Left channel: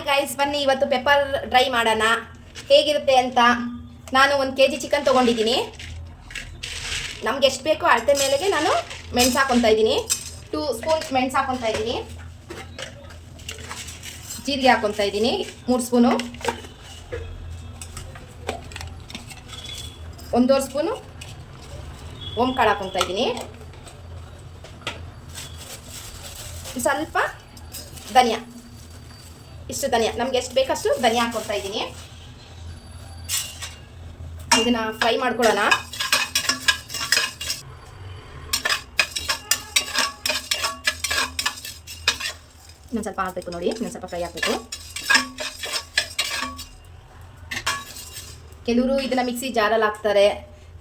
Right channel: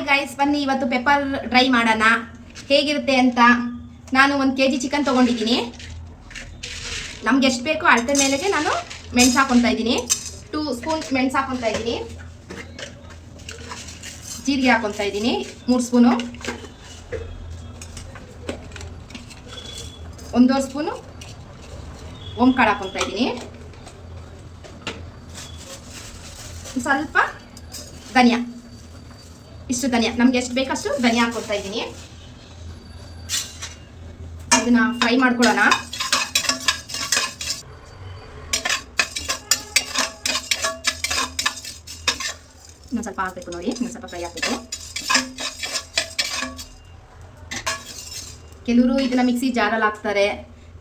Hi guys, ಬನ್ನಿ ಇವತ್ತು pepper dry ಮಾಡೋಣ ಹೇಗಿರುತ್ತೆ ಅಂತ. ನಾನು 1 kg ಚಿಕನ್ ತೊಗೊಂಡಿದ್ದೀನಿ. ನಮ್ಗೆ ಎಷ್ಟು ಬೇಕೋ ಅಳತೆ ಮೇಲೆಗೆ ನಾನು ಮೆಣಸು ಹಾಕೊತಾ ಇದ್ದೀನಿ. 2 ಸ್ಪೂನ್ ಮೆಣಸು ಹಾಕೊತಾ ಇದ್ದೀನಿ. ಜೀರಿಗೆ ಹಾಕೊತಾ ಇದ್ದೀನಿ 3 ಸ್ಪೂನು. 1.5 ಸ್ಪೂನು ಓಂಕಾಳು ಹಾಕೊತಾ ಇದ್ದೀನಿ. ಸ್ವಲ್ಪ ಧನಿಯಾ, ಇಷ್ಟು ಧನಿಯಾ, ನಮ್ಗೆ ಎಷ್ಟು ಬೇಕಷ್ಟು ಧನಿಯಾ ಹಾಕೊತಾ ಇದ್ದೀನಿ. ಇದನ್ನ ಫ್ರೈ ಮಾಡ್ಕೊಳ್ಳೋಣ. ಇನ್ನೊಂದು ಸ್ವಲ್ಪ ಹಾಕಬೇಕು ನೋಡಿ, ಇನ್ನೊಂದು ಸ್ವಲ್ಪ ಫ್ರೈ ಹಾಕಬೇಕು. ಕೆಲವರು ಇದನ್ನ ಮಿಕ್ಸಿ ಜಾರಲ್ಲಿ ಹಾಕ್ತಾರೆ,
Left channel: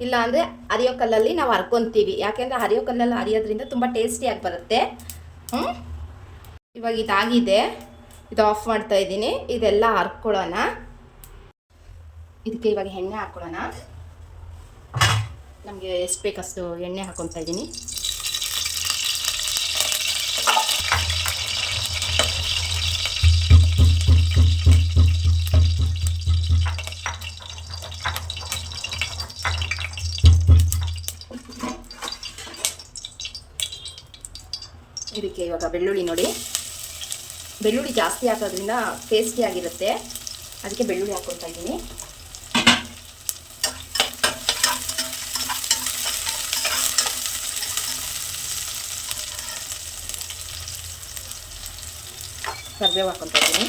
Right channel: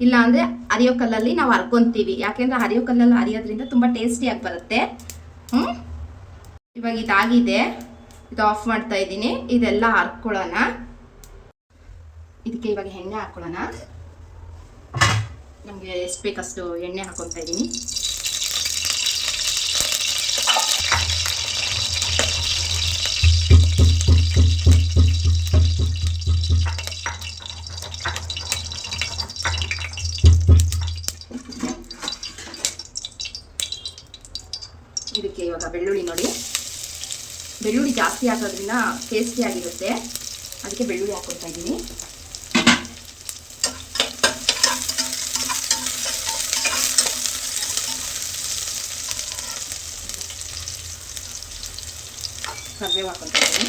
ಇಲ್ಲ ಅಂದರೆ ಅರಿಯೋ ಕಲ್ಲಲ್ಲಿ ನಾವು ಹರ್ಕೊಂತೀವಿ. ಯಾಕೆಂದ್ರೆ ಅರಿಯೋ ಕಲ್ಲಲ್ಲಿ ಅರಿಯೋದ್ರಿಂದ ತುಂಬ ಟೇಸ್ಟಿಯಾಗಿ ಬರುತ್ತೆ. ಇವಾಗ ಇದಾಗಿದೆ, ಇದು ಆಫ್ ಮಾಡ್ತಾ ಇದ್ದೀನಿ. ಇದೆಲ್ಲ ಹರ್ಕೊಳ್ಳೋಣ. ಇದಕ್ಕೆ ಇವಾಗ ಎಣ್ಣೆ ಹಾಕ್ಕೊಳ್ಳೋಣ. ನಮಗೆ ಎಷ್ಟು ಬೇಕಷ್ಟು ಎಣ್ಣೆ ಹಾಕೊತಾ ಇದ್ದೀನಿ. ಇದಕ್ಕೆ ಇವಾಗ ಬೆಳ್ಳುಳ್ಳಿ ನೋಡಿ, ಬೆಳ್ಳುಳ್ಳಿ ಜಾಸ್ತಿ ಹಾಕೋದ್ರಿಂದ ಟೇಸ್ಟಿ ಆಗಿರುತ್ತೆ, ಅದಕ್ಕೆ ಬೆಳ್ಳುಳ್ಳಿ ಹಾಕೊತಾ ಇದ್ದೀನಿ. ಕರಿಬೇವು ಹಾಕೊತಾ ಇದ್ದೀನಿ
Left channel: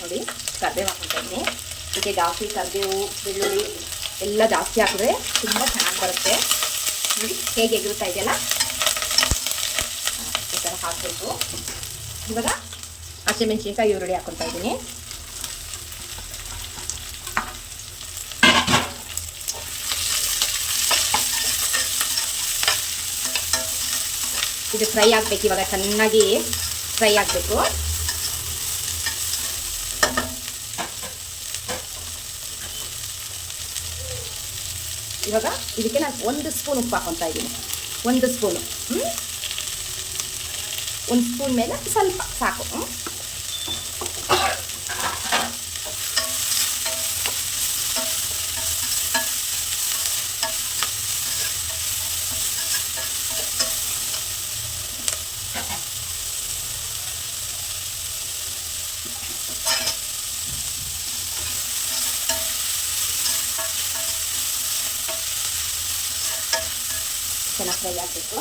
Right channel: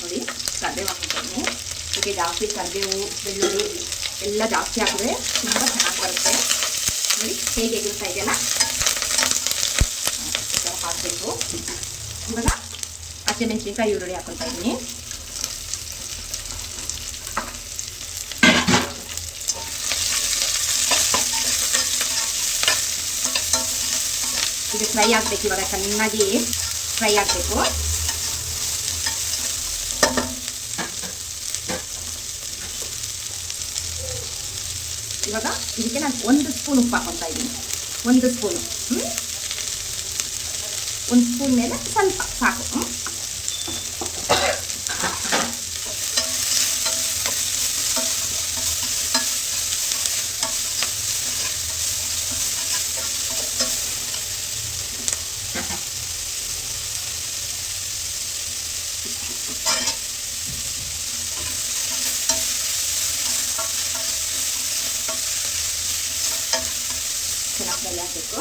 ನೋಡಿ, ಕರಿಬೇವು ಹಾಕೊತಾ ಇದ್ದೀನಿ. ಇದಕ್ಕೆ ಜಾಸ್ತಿ ಕರಿಬೇವು ಬೆಳ್ಳುಳ್ಳಿ ಎಲ್ಲ ಜಾಸ್ತಿ ಹಾಕಿದ್ರೆ ತುಂಬ ಚೆನ್ನಾಗಿ ಬರುತ್ತೆ. ನೋಡಿ ಹೇಗೆ ಎಗುರುತ್ತಾ ಇದೆಯಲ್ಲ, ಈ ಥರ ಹಾಕಬೇಕು. ಇವಾಗ ಹಸಿಮೆಣಸಿನ್ಕಾಯಿ ಈರುಳ್ಳಿ ಹಾಕೊತಾ ಇದ್ದೀನಿ. ಇದು ಫ್ರೈ ಆಗಬೇಕು, ಇವಾಗ ಚೆನ್ನಾಗಿ ಫ್ರೈ ಆಗಬೇಕು. ಇವಾಗ ಇದಕ್ಕೆ ನಾನು 1 ಸ್ಪೂನ್ ಉಪ್ಪು ಹಾಕೊತಾ ಇದ್ದೀನಿ. 1 ಸ್ಪೂನು, 1 ಸ್ಪೂನ್ ಮೇಲೆ ಸ್ವಲ್ಪ ಸಾಕು. ಚೆನ್ನಾಗಿ ಫ್ರೈ ಆಗಬೇಕು.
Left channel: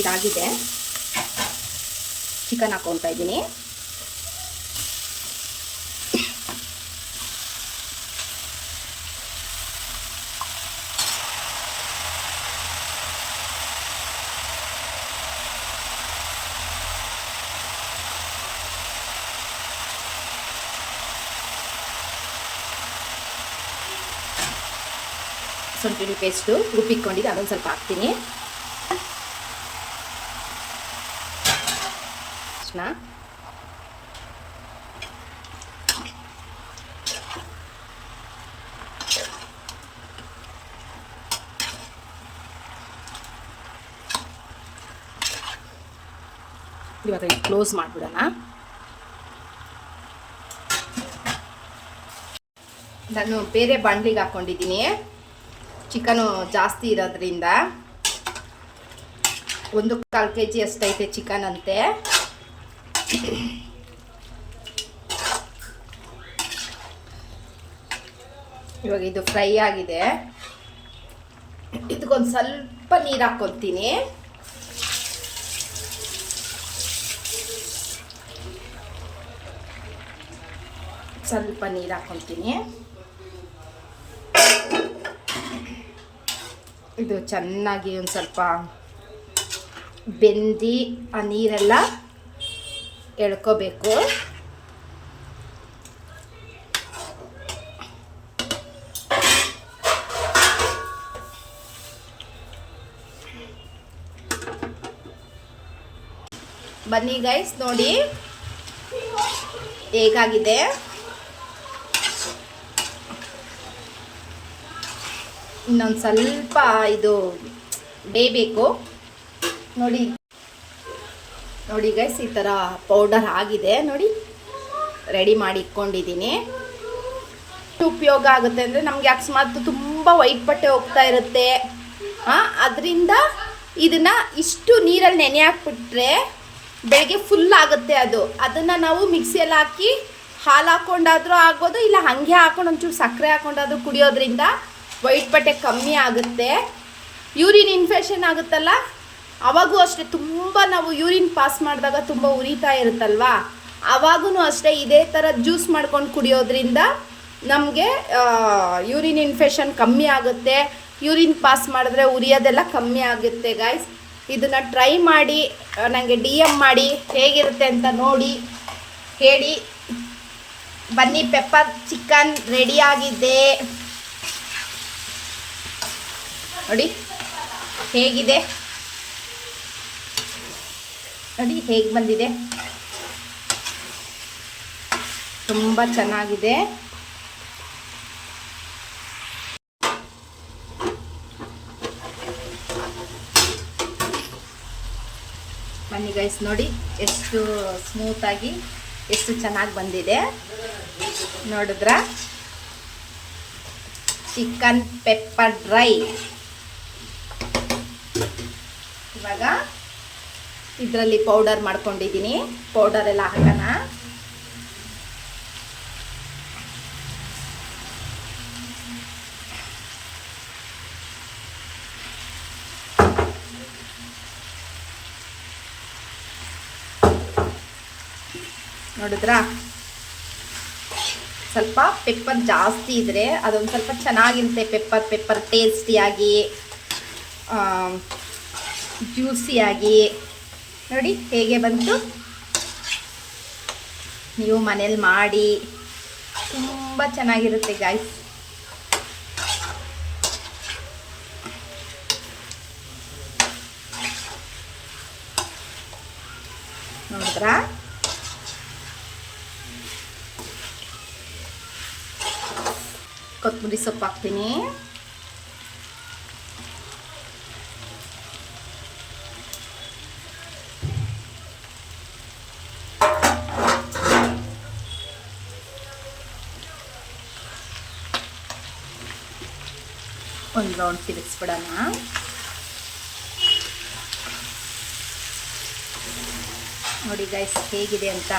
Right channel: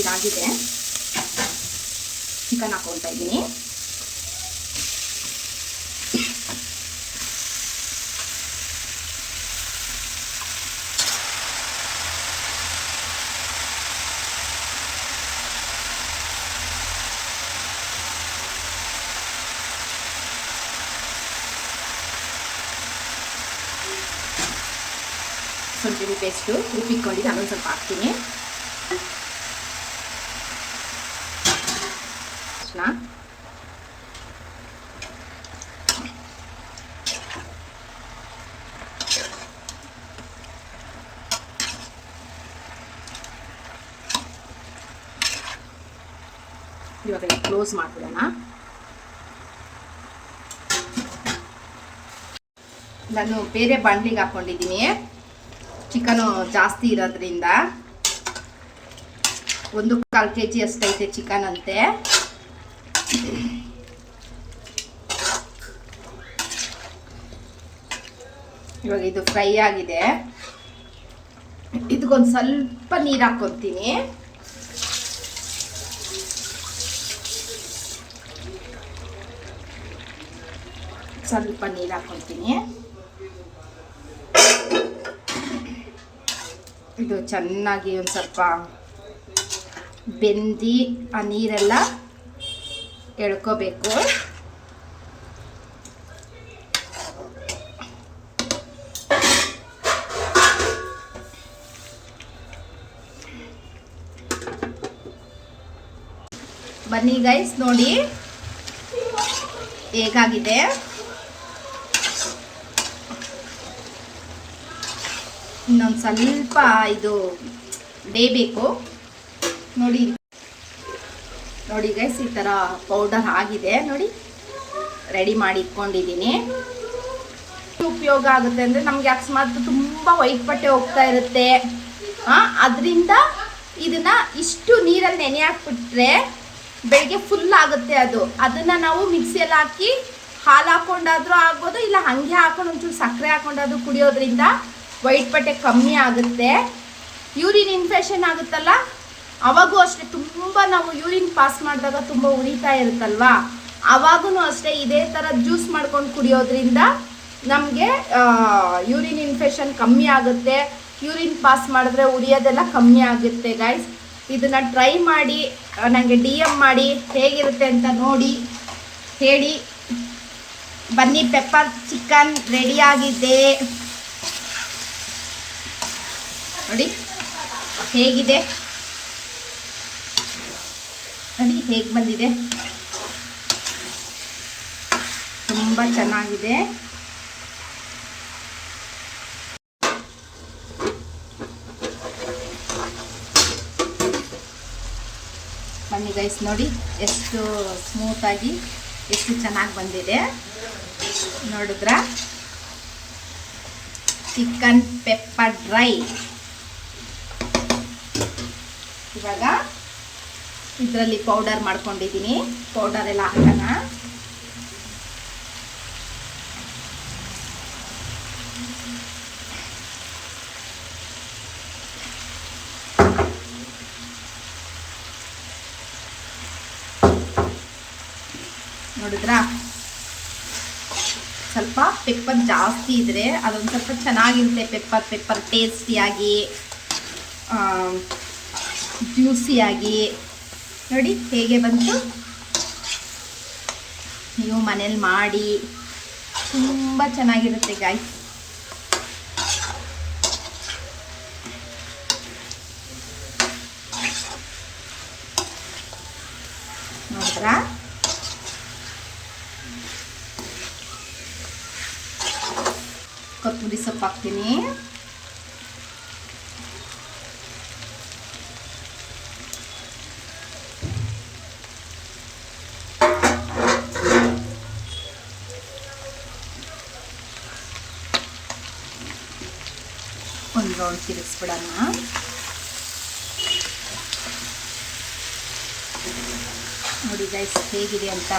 ಇದಾಗಿದೆ, ಚಿಕನ್ ಹಾಕೊಳ್ತಾ ಇದ್ದೀನಿ. ಶುಂಠಿ ಪೇಸ್ಟು ರುಬ್ಬಿಕೊಂಡಿದ್ದು ಅದೊಂದು ಸ್ವಲ್ಪ ಹಾಕ್ತೀನಿ. ಇವಾಗ ಕ್ಲೋಸ್ ಮಾಡ್ಬಿಡೋಣ. ನಾನು ಬೇರೆ ಬಾಂಡ್ಲಿಗೆ ಹಾಕ್ಕೊಂಡಿದ್ದೀನಿ. ಚಿಕನು ಜಾಸ್ತಿ ಇರೋದ್ರಿಂದ 1/4 kg ಅಷ್ಟೈತೆ ಚಿಕನ್ ಅಂತೆ. ಇವಾಗ ಇದು ಫ್ರೈ ಆಗಿದೆ. ಇದಕ್ಕೊಂದು ಸ್ವಲ್ಪ ನೀರು ಹಾಕ್ಕೊತೀನಿ. ಸ್ವಲ್ಪ ನೀರು ಹಾಕ್ಕೊತೀನಿ. ಇದು ಚೆನ್ನಾಗಿ ಒಂದು ಸ್ವಲ್ಪ ಬೆಂದಿ ಆ ನೀರೆಲ್ಲ ಎಳ್ಕೋಬೇಕು. ಬನ್ನಿ ಗೈಸ್ ನೋಡಿ, ಹೇಗಾಗಿದೆ ಇನ್ನೊಂದು ಸ್ವಲ್ಪ ಇದು ಬೇಯಬೇಕು. ನೋಡಿ ನೋಡಿ ಗೈಸ್, ಈ ಥರ ಪೌಡರ್ ಆಗಿದೆ ನೋಡಿ, ರೆಡಿ ಮಾಡಿ ಇಟ್ಕೊಂಡಿದ್ದೀನಿ. ಉಪಯೋಗ ಆಗುತ್ತೆ ಅಂದರೆ ನಮಗೆ ಅಕಸ್ಮಾತ್ ತುಂಬ ವೈಟ್ ಬಟ್ಟೆ ಹೋಗ್ತಾ ಇರುತ್ತೆ, ಅದರಿಂದ ಇದನ್ನು ಇಷ್ಟು ನೀರಲ್ಲಿ ನೆನೆ ಹಾಕ್ಬಿಟ್ರೆ ಬೆಳಗ್ಗೆ ಫುಲ್ ಆಗುತ್ತೆ. ಅದನ್ನು ನಾವು ಮಿಕ್ಸಿಯಲ್ಲಿ ಹಾಕಿ ಹಾಲು ಹಾಕ್ಕೊಂಡಾದರೂ ಆಗ್ಬೋದು, ಇಲ್ಲ ಹಾಗೆ ಹಾಕೊಂಡು ಒಂಚೂರು ಸಕ್ಕರೆ ಹಾಕ್ಕೊಂಡಾದ್ರೂ ಕುಡಿಯೋದ್ರಿಂದ ವೈಟ್ ಬಟ್ಟೆ ಕಮ್ಮಿ ಆಗುತ್ತೆ. ಯೂರಿನ್ ಇನ್ಫೆಕ್ಷನ್ ಆಗುತ್ತಲ್ಲ, ಅವಾಗೂ ಅಷ್ಟೇ ತುಂಬ ನಾವು ಯೂರಿನ್ ಪಾಸ್ ಮಾಡಿದಾಗ ತುಂಬ ಉರಿತಾ ಇರುತ್ತಲ್ವಾ, ಅವಾಗೂ ಅಷ್ಟೇ ಇದೇ ಥರ ಜ್ಯೂಸ್ ಮಾಡ್ಕೊಂಡು ಕುಡಿಯೋದ್ರಿಂದ ನಮಗೆ ಯೂರಿನ್ ಇನ್ಫೆಕ್ಷನ್ ಕಮ್ಮಿ ಆಗುತ್ತೆ. ಯೂರಿನ್ ಪಾಸ್ ಮಾಡಿದ್ರೆ ಉರಿಯೋದೆಲ್ಲ ಕಮ್ಮಿ ಆಗುತ್ತೆ ಗೈಸ್. ಇದನ್ನು ಟ್ರೈ ಮಾಡಿ ನನಗೆ DM ಮಾಡಿ ಹೇಗಿರುತ್ತೆ ಅಂತ ನೋಡಿ ಹೇಳಿ. ಬನ್ನಿ, ಪೆಪ್ಪರ್ ಚಿಕನ್ ರೆಡಿಯಾಗಿದೆ ನೋಡಿ, ಹೇಗಿದೆ ನೋಡಿ, ಹೇಗೆ ಬಂದಿದೆ, ತುಂಬ ಚೆನ್ನಾಗಿದೆ. ಬನ್ನಿ ಗೈಸ್, ನೋಡಿ ಎಷ್ಟು ಸ್ಮೂತಾಗಿ ಎಷ್ಟು ಚೆನ್ನಾಗಿ ಬಂದಿದೆ ನೋಡಿದ್ರಾ. Chicken pepper dry. ಇವಾಗ ಇದರಲ್ಲಿ ಪೌಡರ್ ಮಾಡ್ಕೊಂಡಿದ್ದೀನಿ, ಪೌಡರ್ ಎಲ್ಲ ಹಾಕೋಣ. ನೋಡಿದ್ರಾ, ಸ್ವಲ್ಪ ಪೆಪ್ಪರ್ ಜಾಸ್ತಿ ಇದ್ದರೆ ಅದೊಂದು ಸ್ವಲ್ಪ ಚೆನ್ನಾಗಿರುತ್ತೆ. ಪೆಪ್ಪರ್ ಟೇಸ್ಟಿಯಾಗಿ ಜ್ಯೂಸಿಯಾಗಿ ನೋಡಿ ಹೇಗೆ ಬಂತು. ನೀವು ಮನೇಲಿ ಮಾಡಿ, ತುಂಬ ಚೆನ್ನಾಗಿರುತ್ತೆ ಗಾಯ್ಸ್. ನೋಡ್ರಾ, ಕೊತ್ತಂಬರಿ ಸೊಪ್ಪು ಹಾಕ್ತೀನಿ. ಒಂದು ರೌಂಡ್ ತಿರುಗಿಸ್ಬಿಡೋಣ. ನೋಡಿ ಗೈಸ್ ಹೇಗಿದೆ ಅಂತ.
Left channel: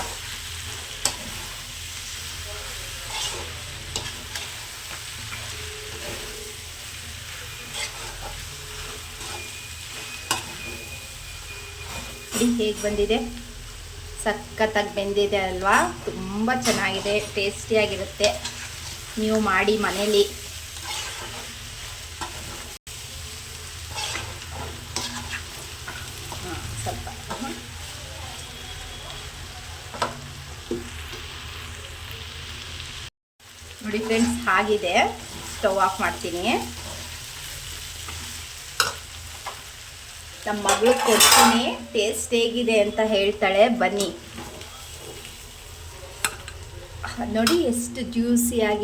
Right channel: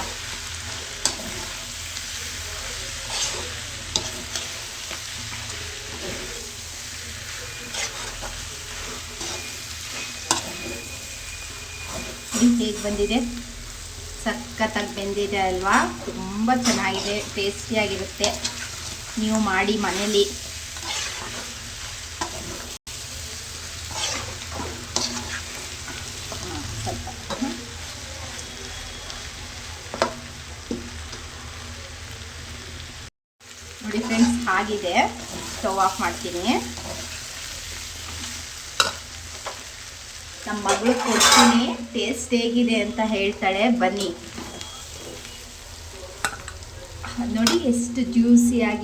ಹೇಗೆ ಬಂದಿದೆ, ಸಖತ್ತಾಗಿ ಬೆಂದಿದೆ ಅಲ್ವಾ, ತುಂಬ ಚೆನ್ನಾಗಿದೆ, ಟೇಸ್ಟಿಯಾಗಿರುತ್ತೆ. ನೀವು ಮಾಡಿ ಮನೇಲಿ. ಸ್ವಲ್ಪ ನೋಡಿ ಫ್ರೆಂಡ್ಸ್, ಆಗಿದೆ. ಸ್ಟವ್ ಆಫ್ ಮಾಡ್ತೀನಿ. ನಮ್ಮ ಮಗಳು ಕೊಡ್ತೀನಿ, ಟೇಸ್ಟ್ ಹೇಗಿದೆ ಅಂತ ಹೇಳ್ತಾಳೆ. ಬನ್ನಿ ನೋಡಿ ಎಷ್ಟು ಜ್ಯೂಸಿಯಾಗಿ